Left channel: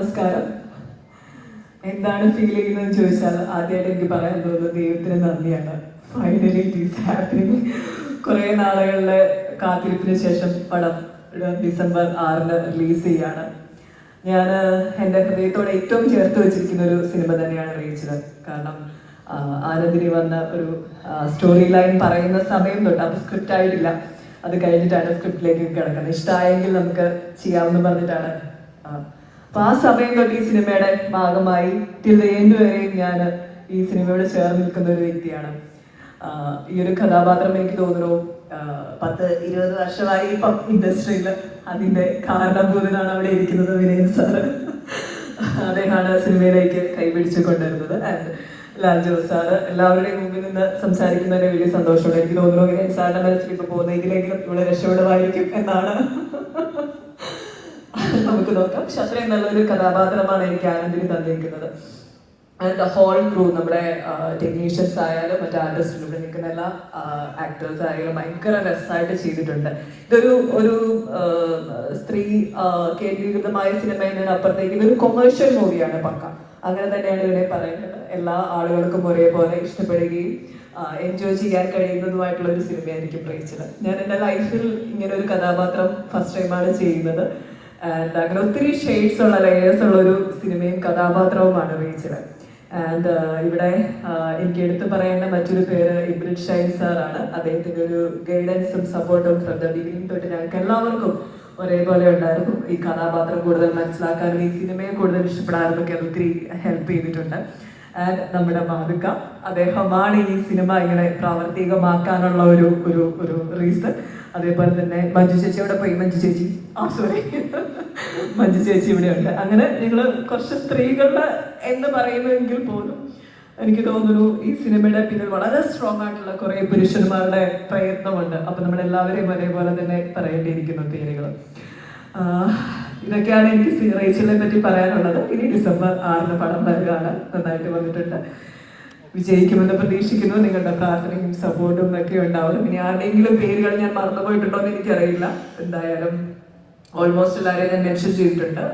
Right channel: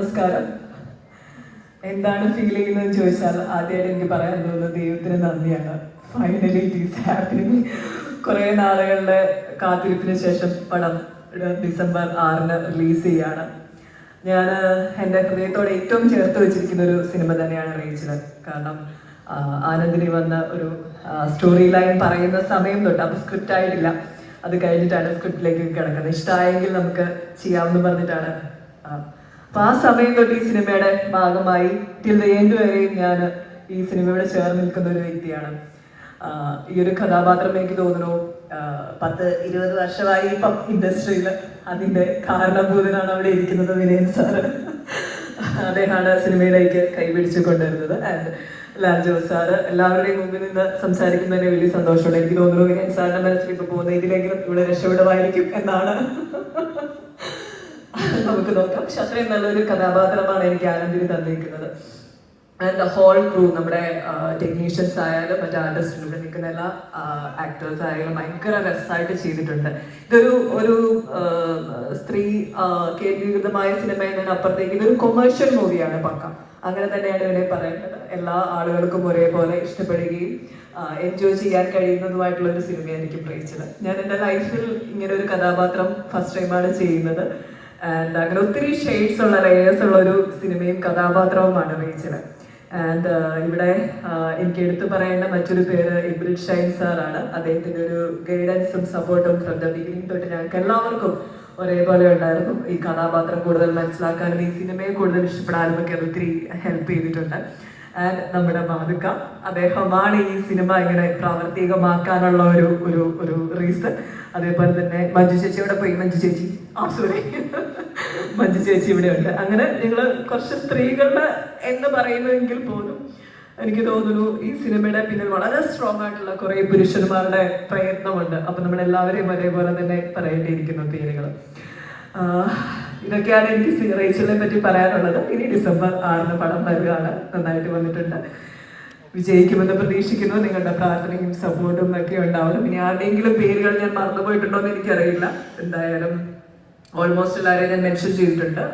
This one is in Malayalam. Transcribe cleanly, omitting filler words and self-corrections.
നമസ്കാരം. എന്താണ് ഫീൽ ചെയ്യുന്നതെന്ന് ചോദിച്ചാൽ ആദ്യമായിട്ട് എനിക്ക് പറയാൻ തോന്നുന്നത് ദൈവത്തിന് നന്ദിയാണ്. Finally it is happening. കുറെ നാളുകളുടെ കാത്തിരിപ്പിന് ശേഷം പടം ഡിസംബർ 6 റിലീസ് ചെയ്യാണ്. ഞാൻ എൻ്റെ ഹൃദയത്തോടെ ഏറ്റവും ചേർത്ത് വെച്ചിരിക്കുന്ന ഒരു സിനിമ തന്നെയാണ് റേച്ചൽ. കാരണം ആനന്ദിനി വന്ന ഒരു സ്റ്റോറി ലൈൻ പറയുന്ന സമയം തൊട്ട് അത് സ്ക്രിപ്റ്റ് ആയിട്ടില്ല, അത് കഴിഞ്ഞിട്ടാണ് സ്ക്രിപ്റ്റിലേക്ക് കിടക്കുന്നത്. ഇഷ്ടമായെങ്കിൽ നമുക്ക് ചെയ്യാമെന്ന് പറഞ്ഞിട്ടാണ്. അപ്പൊ ആ സമയം തൊട്ട് ഈ സിനിമയുടെ ഭാഗമായി ടിൽ എൻഡ് വരെയും ഞാൻ ഈ സിനിമയോട് ചേർന്ന് നിൽക്കുന്ന ഒരു വ്യക്തിയാണ്. ഈ ഒരു കഥാപാത്രം എനിക്ക് തോന്നുന്നു 10-20 വർഷമായി ഇപ്പം ഇൻഡസ്ട്രിയിൽ. അതിന്റെ കാരണഭൂതനാണ് അവിടെ ഇരിക്കുന്നത് വിനയൻ സാറ്. അദ്ദേഹമാണ് സിനിമയിലേക്ക് കൈപിടിച്ചു കൊണ്ടുവരുന്നത്. ആൻഡ് ലാൽ ജോസ് സാറ് എല്ലാവരുടെയും മുമ്പിൽ നിന്ന് സംസാരിക്കുന്നതിന് വലിയ സന്തോഷമുണ്ട്. എനിക്ക് തോന്നുന്നു വിനയൻ സാറിന്റെ മനസ്സിൽ ഇപ്പൊ പോകുന്ന ഇതിലെങ്കിലും ഇവിടെ രക്ഷപ്പെടുമായിരിക്കും എന്നാണ്. നമുക്ക് നോക്കാം. പക്ഷെ അത്രയും നല്ലൊരു കഥാപാത്രമാണ് എനിക്ക് ആനന്ദിന് തന്നിരിക്കുന്നത്. ആൻഡ് ഹോൾ ക്രൂ, നമ്മുടെ ടെക്നീഷ്യൻസ് ആയാലും മറ്റേ ആർട്ടിസ്റ്റ് ഇവിടെ നിൽക്കുന്ന എല്ലാ ആക്ടേഴ്സ് ആയാലും ഭയങ്കര രസമായിട്ട് ചെയ്തിട്ടുണ്ട്. ഒരു സ്ത്രീ കേന്ദ്രീകൃതമായ സിനിമ എന്നതിനപ്പുറത്തേക്ക് ഇതൊരു കൊമേഴ്ഷ്യൽ മൂവിയാണ് പക്ക. അങ്ങനെ തന്നെയാണ് ഇവിടെ പറയുന്നത്. എല്ലാ ആളുകൾക്കും ഒരേപോലെ ഇഷ്ടപ്പെടുകയും എൻജോയ് ചെയ്യാൻ കഴിയുന്നതുമായിട്ടുള്ള ഒരു സിനിമയായിരിക്കും റേച്ചൽ. ഞാൻ എൻ്റെ ലൈഫിൽ ഇങ്ങനെ ഒരു കഥാപാത്രം ഫസ്റ്റ് ടൈമാണ് ചെയ്യുന്നത്. ആൻഡ് അങ്ങനെ ഒത്തിരി ഷെയ്ഡ്സ് ഉള്ള ലേയേഴ്സ് ഉള്ള ഒരു സിനിമയും കഥാപാത്രവുമാണ് റേച്ചൽ. ആൻഡ് ഇവിടെ എനിക്ക് എടുത്തു പറയേണ്ട മറ്റൊരു പേര് ഇബ്രിഡ് ഷൈൻ സാറാണ്. അദ്ദേഹത്തിന്റെ ഒരു ഗൈഡൻസും സപ്പോർട്ടും ഫ്രം ദ ബിഗിനിങ് തൊട്ട് ഞങ്ങൾക്ക് എല്ലാവർക്കും ഒരേപോലെ ഉണ്ടായിരുന്നു. ഈ കഥാപാത്രം കൂടുതൽ മനസ്സിലാക്കാനും ഈ സിനിമയെ കൂടുതൽ ഇഷ്ടപ്പെടാനും ഒക്കെ ഒത്തിരി ഹെൽപ്പ് ചെയ്തിട്ടുണ്ട്. ആൻഡ് നമ്മുടെ മാതൃക, അദ്ദേഹമാണ് ഈ സിനിമ ഇങ്ങനെ പ്രാവർത്തികമാക്കാനുള്ള ഒരു റീസൺ. അതേപോലെ തന്നെ മഞ്ജു ചേച്ചി ഇവിടെ പോയി, മഞ്ജു ചേച്ചി ഇവിടെ ഉണ്ട്. അങ്ങനെ ഞങ്ങള് കുറച്ച് സ്ത്രീകളുടെ എന്ന് പറയുന്നെങ്കിൽ പോലും എനിക്ക് തോന്നുന്നു ഈ സിനിമയുടെ പിന്നിൽ വളരെ സ്ട്രോങ് ആയിട്ടുള്ള കുറെ പുരുഷന്മാരുടെ പ്രയത്നമുണ്ട്. അപ്പൊ നമ്മളെല്ലാവരെയും ഒരേപോലെ തന്നെ പറയേണ്ടിയിരിക്കുന്ന പേരുകൾ. ഇതൊക്കെയാണ് എനിക്ക് റേച്ചലിനെ പറ്റി പറയാനുള്ളത്. ഇനി ഡിസംബർ 6 പടം വരികയാണ്. നന്നായിട്ട് വന്നിട്ടുണ്ട്. വിജയിക്കുമെന്ന് പ്രതീക്ഷിക്കുന്നു. നിങ്ങളുടെ പ്രാർത്ഥനയും സപ്പോർട്ടും ഒക്കെ ഉണ്ടാവും. ഇനി ആരുടെയെങ്കിലും പേരുകൾ ഞാൻ മറന്നുപോയിട്ടുണ്ടോ എന്ന് എനിക്കറിയില്ല. എന്തായാലും ഓൾമോസ്റ്റ് എല്ലാവരെയും ഞാൻ മെൻഷൻ ചെയ്തിട്ടുണ്ട്.